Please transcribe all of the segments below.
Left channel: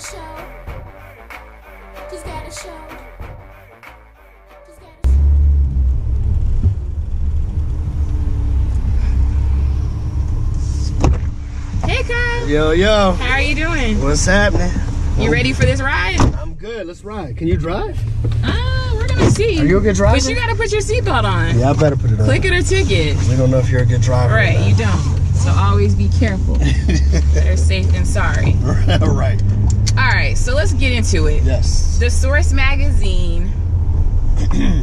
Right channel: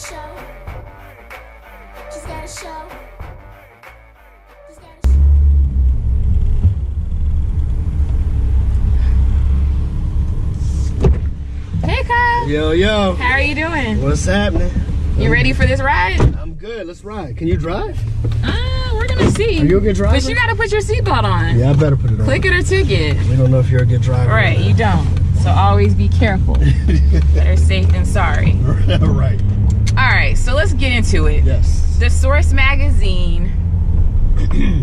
Hey, Kyle. Yo. How are you doing? What's happening? You ready for this ride? I'm good. Let's ride. Can you drive? We're gonna see. Are you a good driver? But you gotta put your seatbelt on. Yeah, I better put it on. Click it or ticket. We don't know if you're a good driver. Right, you don't. So always be careful. Better safe than sorry. Right. All right, so let's get into it. Yes. The Source magazine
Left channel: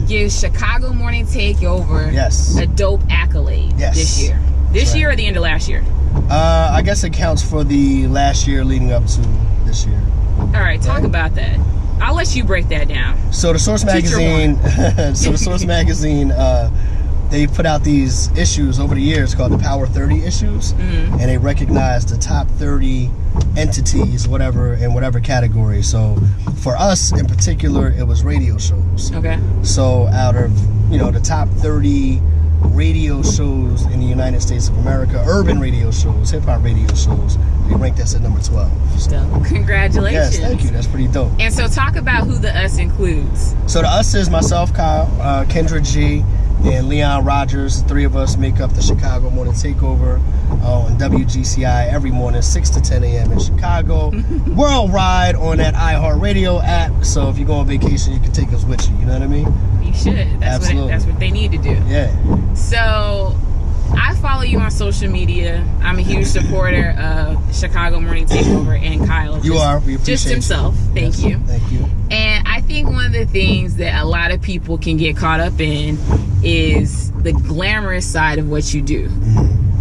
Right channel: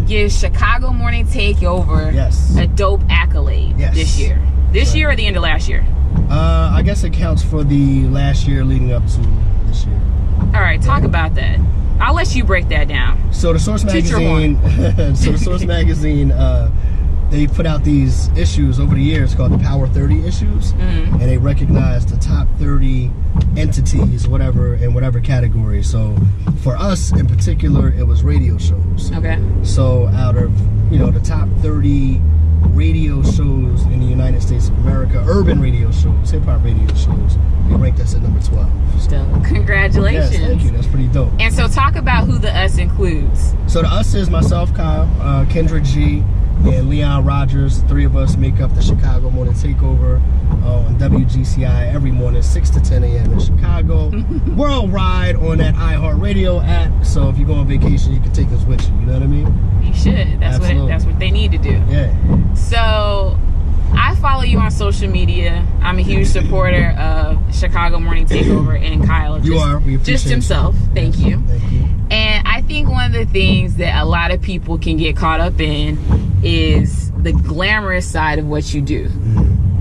gives Chicago Morning Takeover a dope accolade this year. This year or the end of last year? I guess it counts for the last year leading up to this year. All right, talk about that. I'll let you break that down. So the Source magazine, they put out these issues over the years called the Power 30 issues, and they recognize the top 30 entities, whatever, in whatever category. So for us in particular, it was radio shows. Okay. So out of, the top 30 radio shows in the United States of America, urban radio shows, hip-hop radio shows, they ranked us at number 12. So, congratulations. Yes, thank you. That's pretty dope. And so talk about who the us includes. So the us is myself, Kyle, Kendra G, and Leon Rogers. The three of us make up the Chicago Morning Takeover on WGCI every morning, 6 to 10 a.m. in Chicago. Worldwide on that iHeartRadio app. So if you go on vacation, you can take us with you. You know what I mean? You should. That's what they need to do. Yeah. So I follow you on social media. I'm a huge supporter of Chicago Morning Takeover and Kyle. You are. We appreciate just himself. You. Thank you. Thank you. And I think one of the things that a lot of people can get caught up in is the glamorous side of what you do.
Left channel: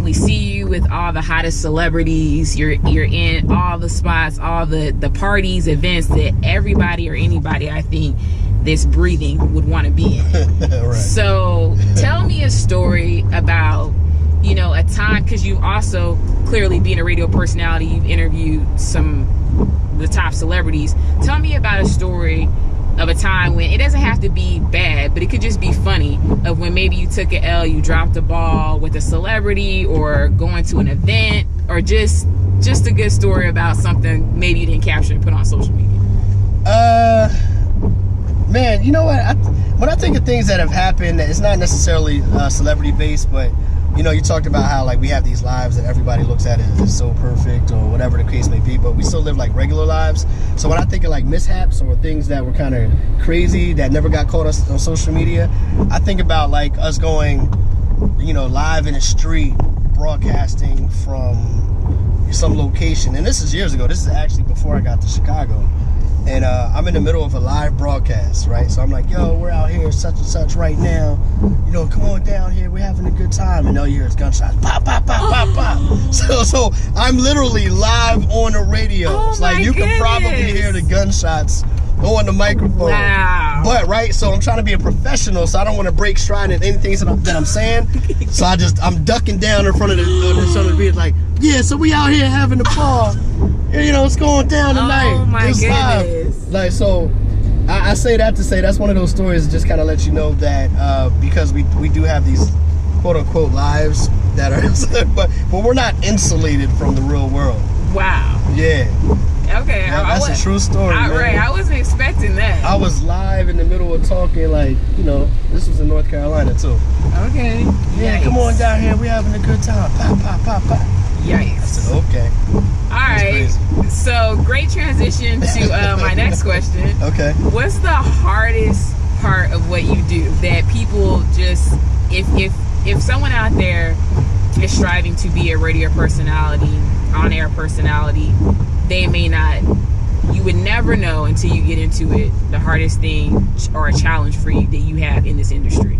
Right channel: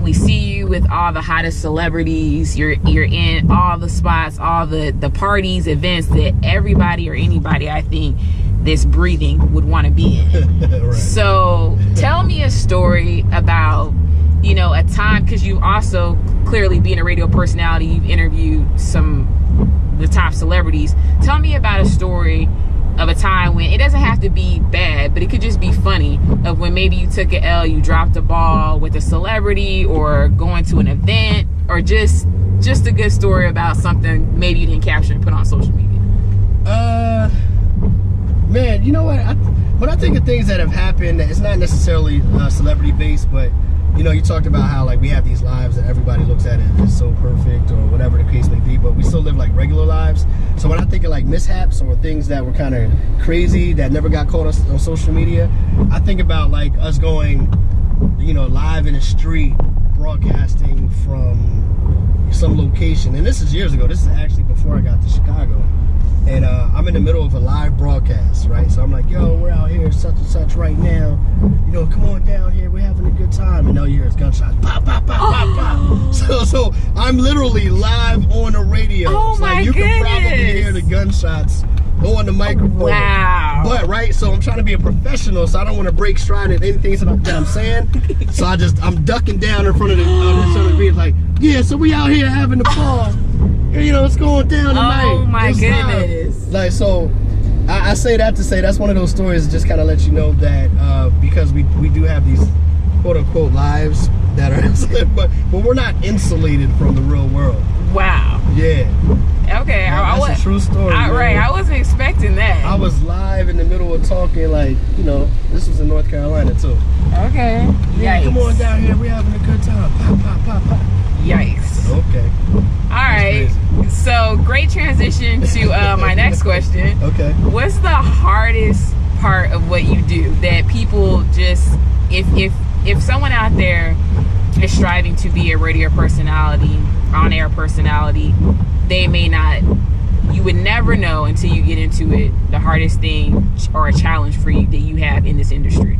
We see you with all the hottest celebrities. You're in all the spots, all the parties, events that everybody or anybody, I think, that's breathing would want to be in. Right. So tell me a story about, a time, because you also, clearly being a radio personality, you've interviewed the top celebrities. Tell me about a story of a time when it doesn't have to be bad, but it could just be funny, of when maybe you took an L, you dropped a ball with a celebrity, or going to an event, or just a good story about something maybe you didn't capture and put on social media. Man, you know what? When I think of things that have happened, it's not necessarily celebrity based, but you talked about how we have these lives that everybody looks at as so perfect or whatever the case may be, but we still live regular lives. So when I think of mishaps or things that were kind of crazy that never got caught us on social media, I think about us going, live in the street, broadcasting from some location. And this is years ago. This is actually before I got to Chicago. And I'm in the middle of a live broadcast, right? So I'm like, yo, we're out here such and such right now. Come on down here. We're having a good time. And all you hear is gunshots. Pop, pop, pop, pop, pop. So I'm literally live on the radio. Oh, it's my you goodness. can probably hear the gunshots on the microphone. Wow. But, right, so I'm trying to be a professional, so I don't want to break stride in anything that I'm saying. So I'm ducking down in front of the beat, yeah, so we out here having a ball. It's going down tonight. Oh my goodness. So I say that to say that's one of those stories that just kind of let you know that because we do have these quote unquote lives that are, but we're not insulated from the real world. Wow. Yeah. Okay. Yeah, that's a true story. Right. I wasn't expecting that. I was live in the middle of talking, this was in North Carolina too. Okay. Yeah, come on down here. We're having a good time. Pop, pop, pop, pop. Yikes. I said, okay. All right. So great transition to my next question. Okay. What's the hardest part of what you do that people just, if someone out there is striving to be a radio personality, on-air personality, they may not, you would never know until you get into it, the hardest thing or a challenge for you that you have in this industry?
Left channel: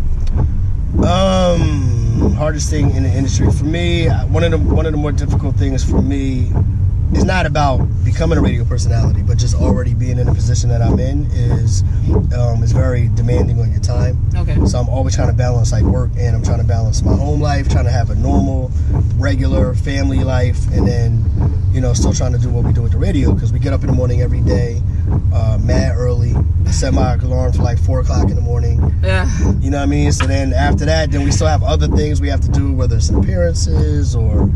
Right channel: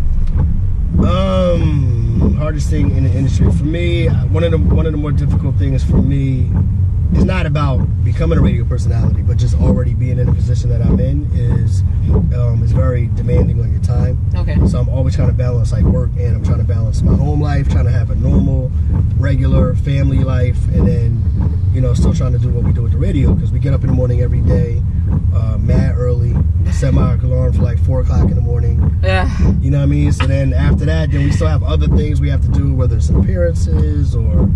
Hardest thing in the industry for me, one of the more difficult things for me is not about becoming a radio personality, but just already being in a position that I'm in is very demanding on your time. Okay. So I'm always trying to balance work, and I'm trying to balance my home life, trying to have a normal, regular family life, and then still trying to do what we do with the radio, because we get up in the morning every day, mad early, set my alarm for 4 o'clock in the morning. You know what I mean? So then after that, then we still have other things we have to do, whether it's appearances or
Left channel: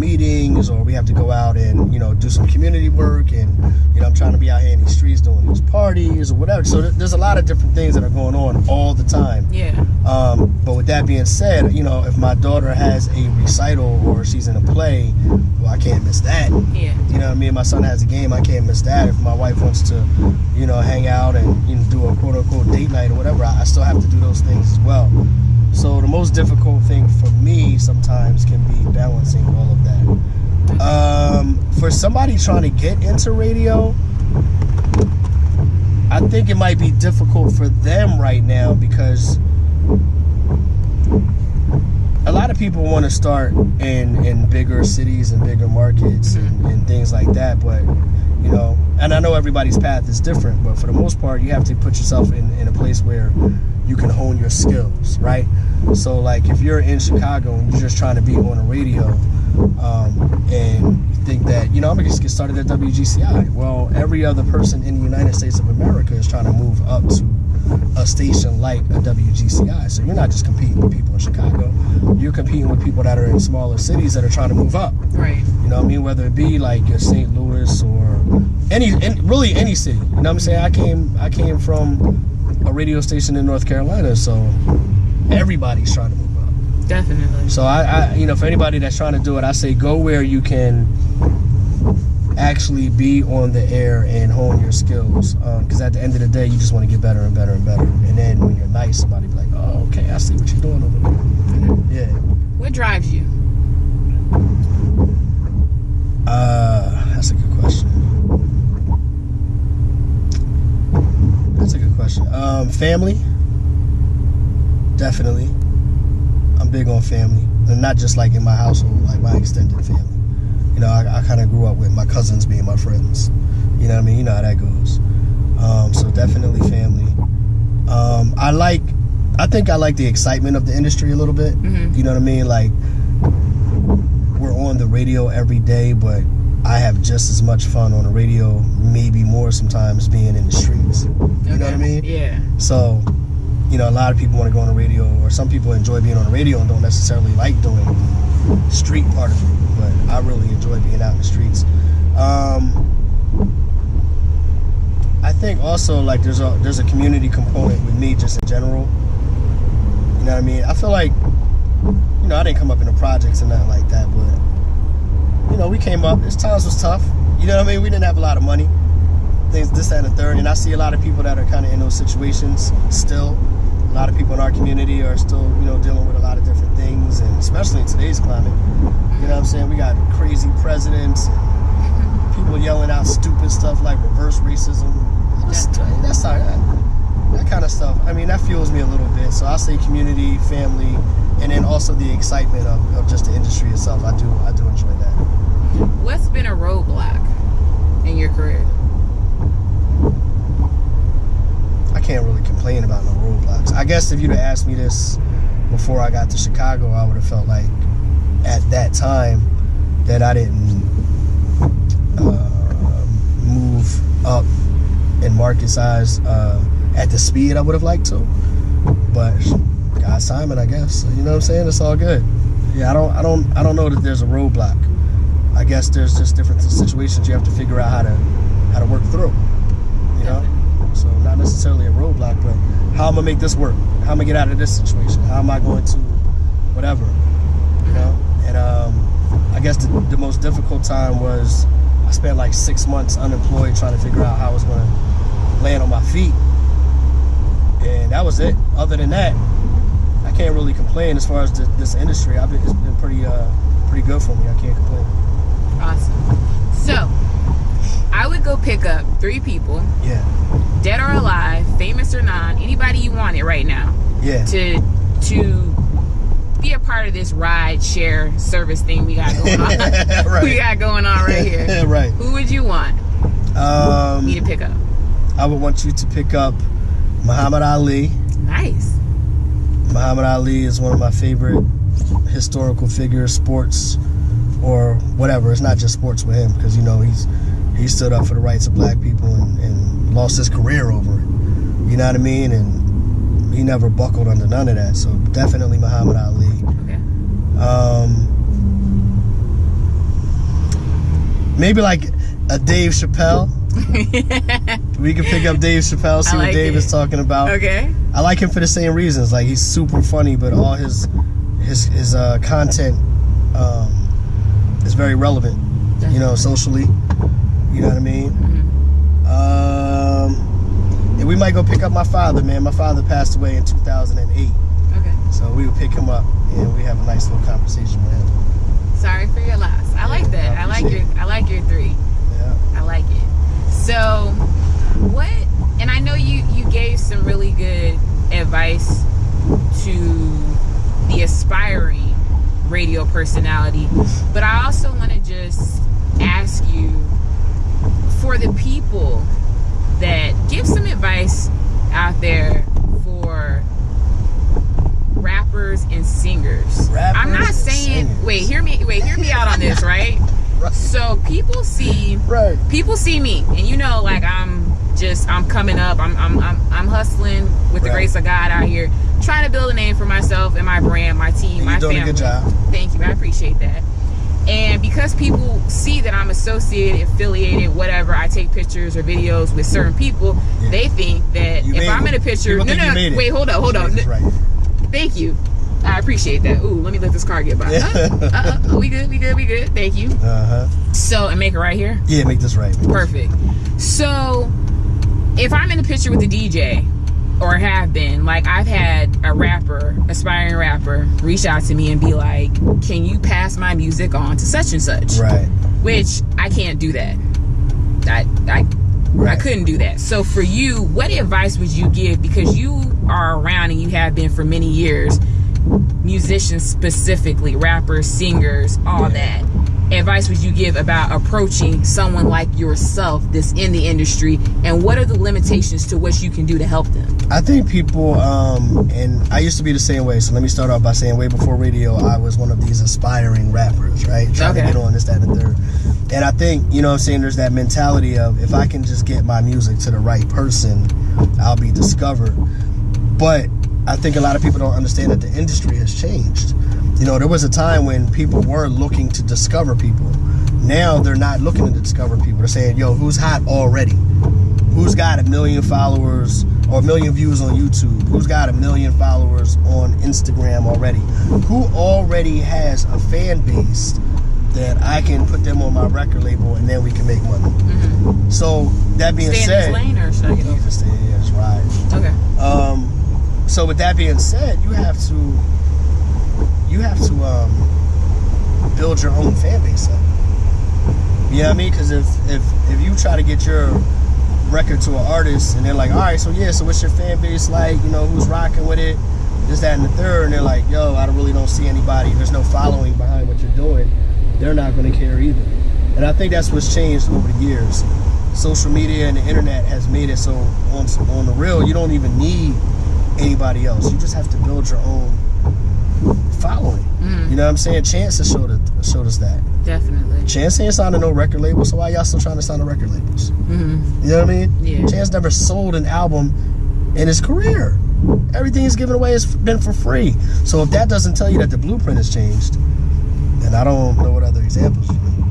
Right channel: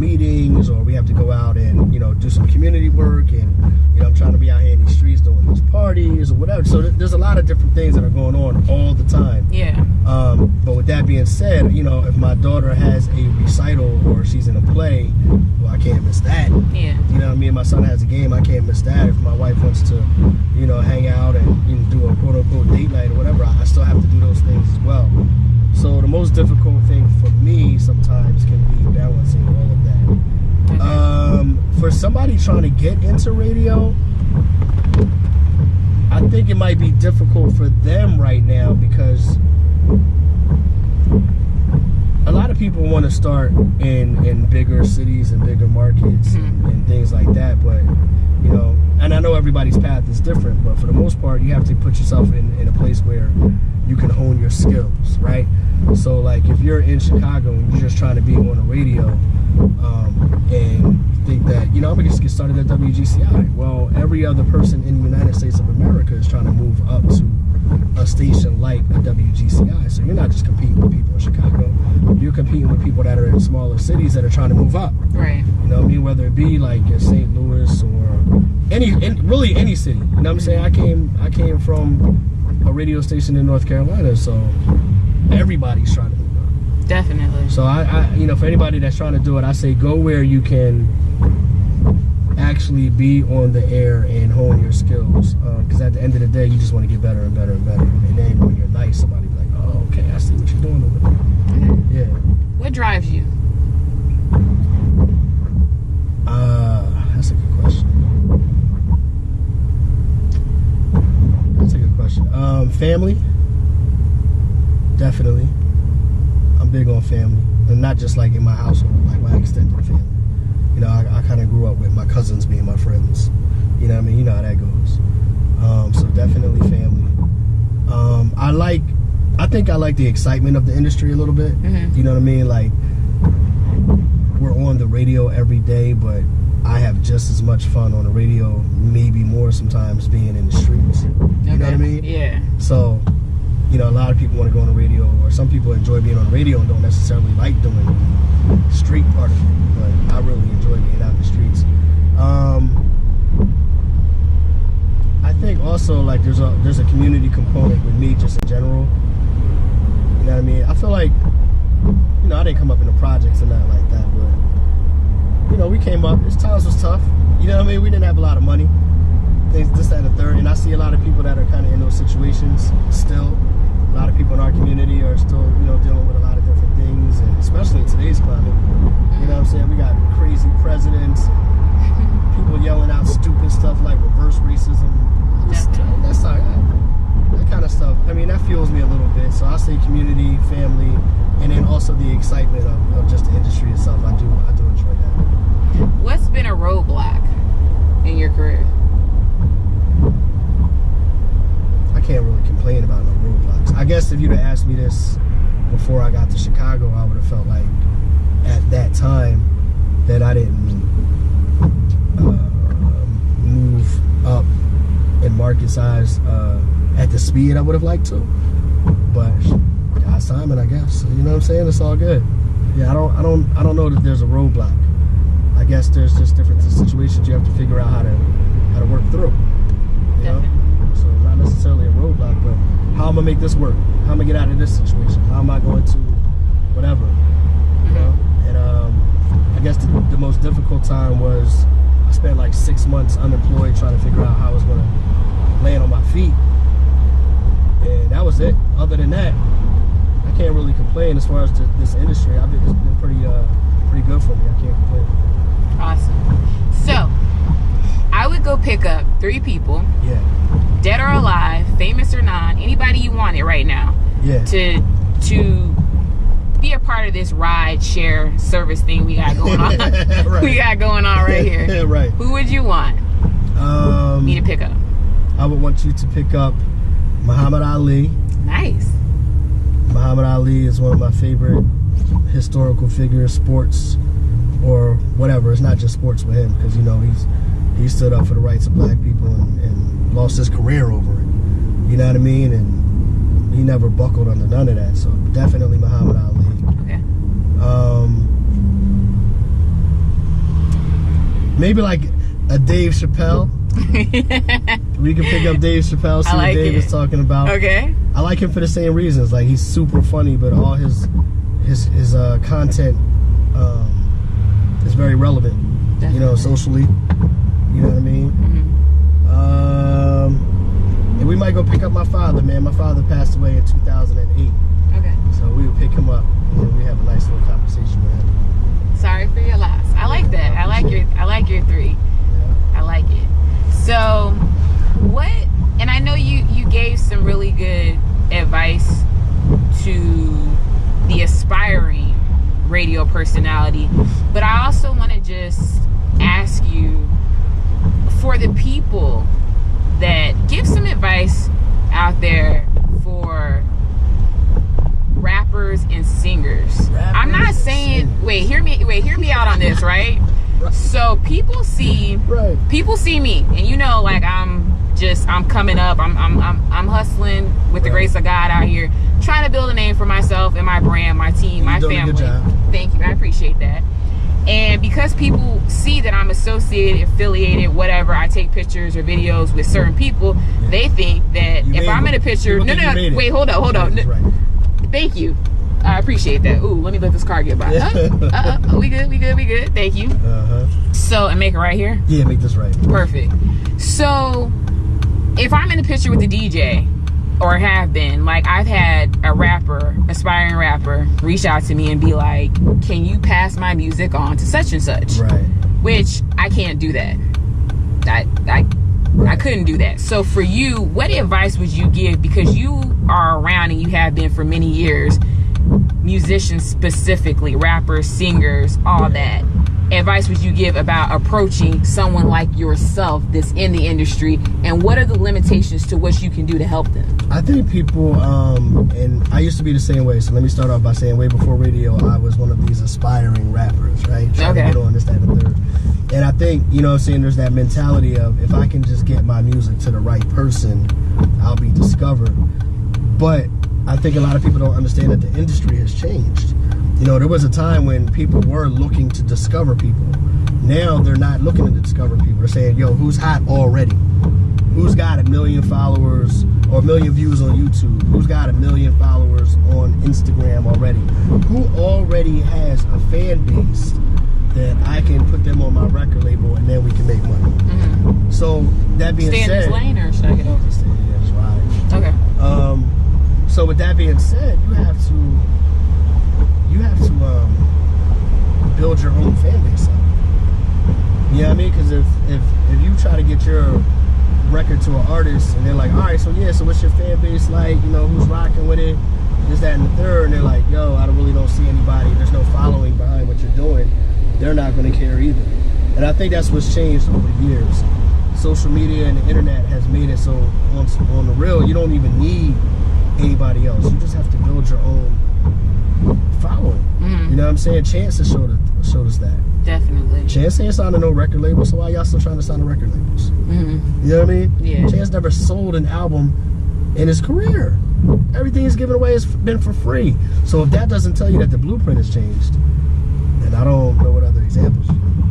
meetings, or we have to go out and, do some community work, and, I'm trying to be out here in these streets doing these parties or whatever. So there's a lot of different things that are going on all the time. Yeah. But with that being said, if my daughter has a recital or she's in a play, well, I can't miss that. Yeah. Me and my son has a game, I can't miss that. If my wife wants to, hang out and do a quote-unquote date night or whatever, I still have to do those things as well. So the most difficult thing for me sometimes can be balancing all of that. For somebody trying to get into radio, I think it might be difficult for them right now, because a lot of people want to start in bigger cities and bigger markets and things like that, but and I know everybody's path is different, but for the most part, you have to put yourself in a place where you can hone your skills, right? So like if you're in Chicago and you're just trying to be on the radio, and you think that, I'm gonna just get started at WGCI. Well, every other person in the United States of America is trying to move up to a station like a WGCI. So you're not just competing with people in Chicago, you're competing with people that are in smaller cities that are trying to move up. Right. Whether it be like St. Louis or really any city. You know what I'm saying? I came from a radio station in North Carolina, so everybody's trying to move up. Definitely. So I for anybody that's trying to do it, I say go where you can actually be on the air and hone your skills, because at the end of the day, you just want to get better and better and better. And then when you're nice, somebody be like, oh, okay, I see what you're doing over there. Mm-hmm. Yeah. What drives you? That's a good question. Family, definitely. I'm big on family, and not just like in my household, like my extended family. I kind of grew up with my cousins being my friends. You know what I mean? You know how that goes. So definitely family. I think I like the excitement of the industry a little bit. Mm-hmm. You know what I mean? Like, we're on the radio every day, but I have just as much fun on the radio, maybe more sometimes, being in the streets. You know what I mean? Yeah. So, a lot of people want to go on the radio, or some people enjoy being on the radio and don't necessarily like doing the street part of it, but I really enjoy being out in the streets. I think also like there's a community component with me just in general. You know what I mean? I feel like, I didn't come up in the projects or nothing like that, but we came up. This times was tough. You know what I mean? We didn't have a lot of money. Things, this, that, and the third. And I see a lot of people that are kind of in those situations still. A lot of people in our community are still, dealing with a lot of different things, and especially in today's climate. You know what I'm saying? We got crazy presidents, and people yelling out stupid stuff like reverse racism. That kind of stuff. I mean, that fuels me a little bit. So I say community, family, and then also the excitement of just the industry itself. I do enjoy that. What's been a roadblock in your career? I can't really complain about no roadblocks. I guess if you'd have asked me this before I got to Chicago, I would have felt like at that time that I didn't move up in market size at the speed I would have liked to. But God's timing, I guess. You know what I'm saying? It's all good. Yeah, I don't know that there's a roadblock. I guess there's just different situations you have to figure out how to work through. You know? So not necessarily a roadblock, but how I'm gonna make this work? How I'm gonna get out of this situation? How am I going to whatever? You know? And I guess the most difficult time was I spent like 6 months unemployed trying to figure out how I was gonna land on my feet. And that was it. Other than that, I can't really complain as far as this industry. It's been pretty good for me. I can't complain. Awesome. So, I would go pick up 3 people. Yeah. Dead or alive, famous or non, anybody you wanted right now. Yeah. To be a part of this ride share service thing we got going on. Right. We got going on right here. Right. Who would you want me to pick up? I would want you to pick up Muhammad Ali. Nice. Muhammad Ali is one of my favorite historical figures, sports or whatever. It's not just sports with him, because he stood up for the rights of black people and lost his career over it. You know what I mean? And he never buckled under none of that. So definitely Muhammad Ali. Okay. Maybe like a Dave Chappelle. We can pick up Dave Chappelle, see what Dave is talking about. Okay. I like him for the same reasons. Like, he's super funny, but all his content is very relevant. Definitely. You know, socially. You know what I mean? And we might go pick up my father, man. My father passed away in 2008. Okay. So we would pick him up and we have a nice little conversation with him. Sorry for your loss. I like that. I like your 3. Yeah. I like it. So what, and I know you gave some really good advice to the aspiring radio personality, but I also want to just ask you, for the people that give some advice out there for rappers and singers. I'm not saying wait, hear me out on this, right? Right. So people see me, and you know, like I'm coming up, I'm hustling with the grace of God out here, trying to build a name for myself and my brand, my team, my family. You're doing a good job. Thank you, I appreciate that. And because people see that I'm associated, affiliated, whatever, I take pictures or videos with certain people, they think that if I'm in a picture, wait, hold on. Thank you. I appreciate that. Ooh, let me let this car get by. We good. Thank you. So, and make it right here? Yeah, make this right. Perfect. So, if I'm in a picture with a DJ, or have been, like, I've had a rapper, aspiring rapper, reach out to me and be like, can you pass my music on to such and such? Right. Which, I can't do that. I couldn't do that. So for you, what advice would you give? Because you are around and you have been for many years, musicians specifically, rappers, singers, all that. Advice would you give about approaching someone like yourself that's in the industry, and what are the limitations to what you can do to help them? I think people, and I used to be the same way, so let me start off by saying way before radio, I was one of these aspiring rappers, right? Trying to get on this, that, and the third. And I think, you know what I'm saying, there's that mentality of, if I can just get my music to the right person, I'll be discovered. But I think a lot of people don't understand that the industry has changed. You know, there was a time when people were looking to discover people. Now they're not looking to discover people. They're saying, yo, who's hot already? Who's got 1 million followers or 1 million views on YouTube? Who's got 1 million followers on Instagram already? Who already has a fan base that I can put them on my record label and then we can make money? So that being said, stay in this lane, or should I get over? Yeah, that's right. Okay. So with that being said, you have to build your own fan base up. You know what I mean? Because if you try to get your record to an artist and they're like, all right, so what's your fan base like? You know, who's rocking with it? This, that, and the third. And they're like, yo, I really don't see anybody. There's no following behind what you're doing. They're not going to care either. And I think that's what's changed over the years. Social media and the internet has made it so on the real, you don't even need anybody else. You just have to build your own following. You know what I'm saying? Chance has showed us that. Definitely. Chance ain't signed to no record label, so why y'all still trying to sign to record labels? You know what I mean? Yeah. Chance never sold an album in his career. Everything he's given away has been for free. So if that doesn't tell you that the blueprint has changed, then I don't know what other examples you need.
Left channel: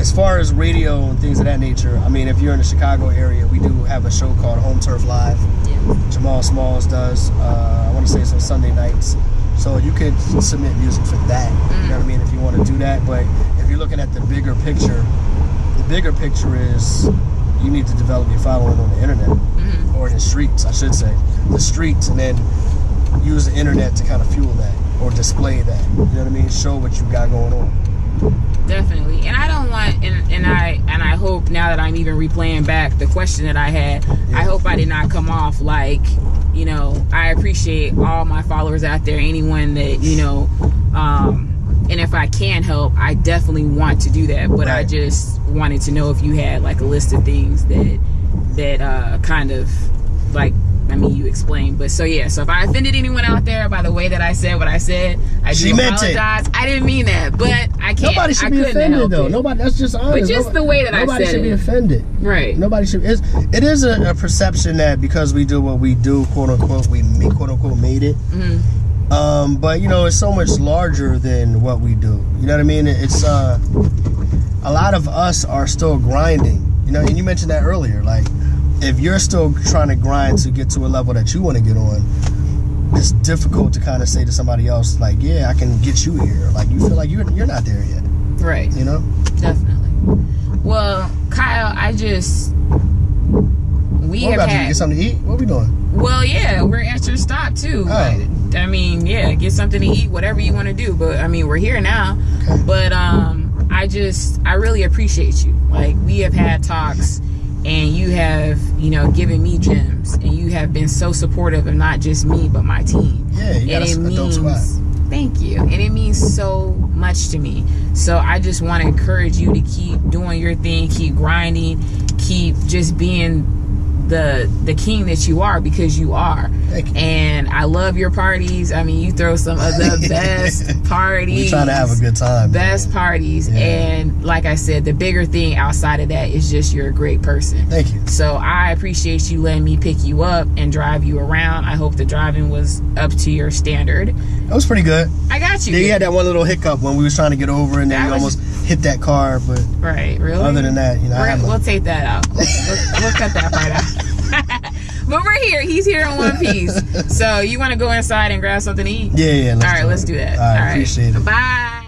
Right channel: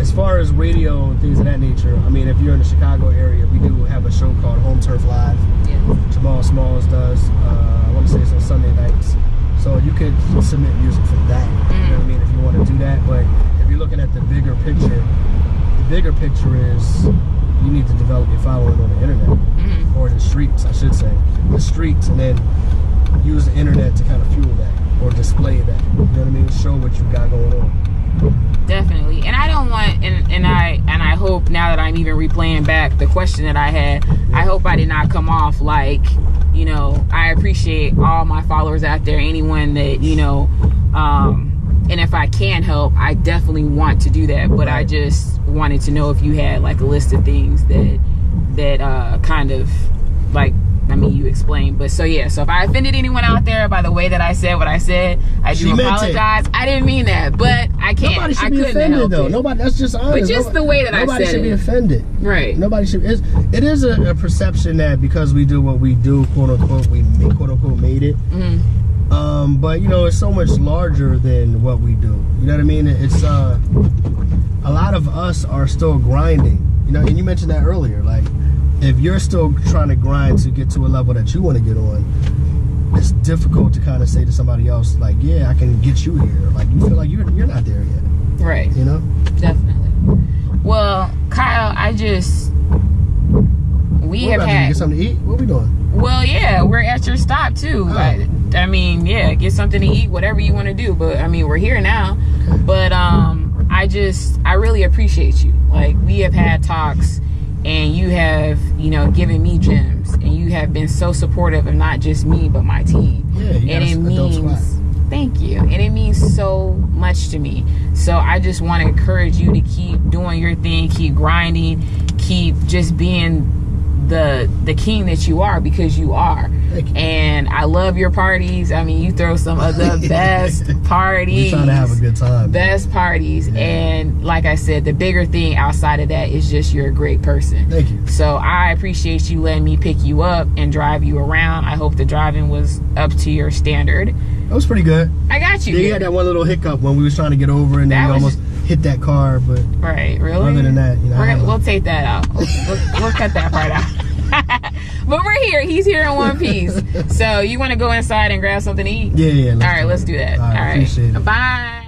As far as radio and things of that nature, I mean, if you're in the Chicago area, we do have a show called Home Turf Live. Yeah. Jamal Smalls does. I want to say it's on Sunday nights. So you could submit music for that. You know what I mean? If you want to do that. But if you're looking at the bigger picture is you need to develop your following on the internet. Or in the streets, I should say. The streets, and then use the internet to kind of fuel that or display that. You know what I mean? Show what you got going on. Definitely. And I don't want, and I hope now that I'm even replaying back the question that I had, I hope I did not come off like, you know, I appreciate all my followers out there, anyone that, you know, and if I can help, I definitely want to do that. But I just wanted to know if you had like a list of things that kind of like, I mean, you explained, but so yeah. So if I offended anyone out there by the way that I said what I said, I do apologize. I didn't mean that, but I can't. Nobody should be offended, though. Nobody. That's just honest. But just the way that I said it. Nobody should be offended. Right. Nobody should. It is a perception that because we do what we do, quote unquote, we quote unquote made it. But you know, it's so much larger than what we do. You know what I mean? It's a lot of us are still grinding. You know, and you mentioned that earlier. Like, if you're still trying to grind to get to a level that you want to get on, it's difficult to kind of say to somebody else, like, yeah, I can get you here. Like, you feel like you're not there yet. Right. You know? Definitely. Well, Kyle, we have had... Get something to eat? What are we doing? Well, yeah, we're at your stop, too. Oh. I mean, yeah, get something to eat, whatever you want to do. But, I mean, we're here now. Okay. But I really appreciate you. Like, we have had talks, and you have, you know, given me gems. And you have been so supportive of not just me, but my team. Yeah, you got a dope squad. Thank you. And it means so much to me. So I just want to encourage you to keep doing your thing, keep grinding, keep just being the king that you are, because you are. Thank you. And I love your parties. I mean, you throw some of the best parties. You're trying to have a good time. Best parties. Yeah. And like I said, the bigger thing outside of that is just you're a great person. Thank you. So I appreciate you letting me pick you up and drive you around. I hope the driving was up to your standard. That was pretty good. I got you. Yeah, you had that one little hiccup when we was trying to get over, and then you almost hit that car. But right, really. Other than that, you know, we'll take that out. We'll cut that part out. But we're here. He's here in one piece. So you want to go inside and grab something to eat? Yeah. All right, let's do that. All right, appreciate it. Bye.